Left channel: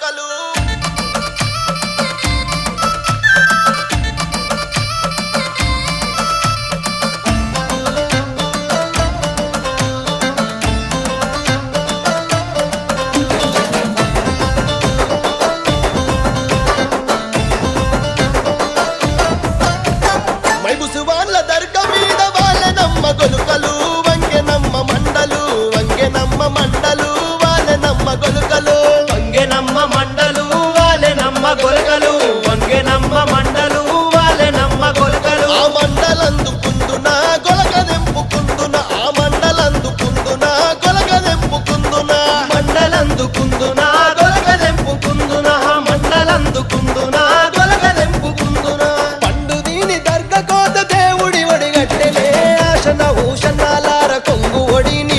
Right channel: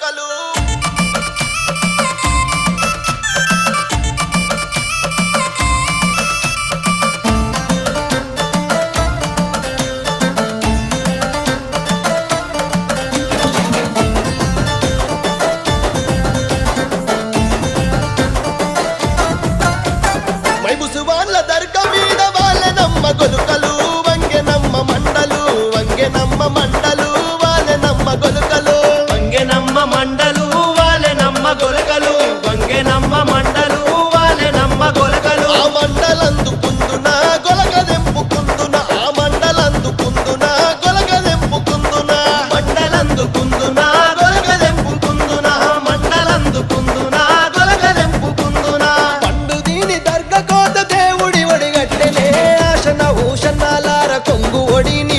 గొలుకలు మైబుసువాన్ల దర్గా మీద వాళ్ళనమ్మ గొలుకలు వంగెనమ్మ మండలు వాళ్ళనమ్మ గొలుకలు వంగెనమ్మ మండలు వాలెనమ్మ గొలకలు వంగెనమ్మ మండలు వాలెనమ్మ గొలకలు ఆ మండలందుకుందున గొలగదెంపుకుందున ఆ మండలందుకుందున గొలగదెంపుకుందున మండలందుకుందున గొలగదెంపుకుందున మండలందుకుందున గొలగదెంపుకుందున పండు దీని దర్గా కోత దేవుడి ఒడిగట్టెలే ఆశన ఊషన్నాలార కొంగు ఒడిని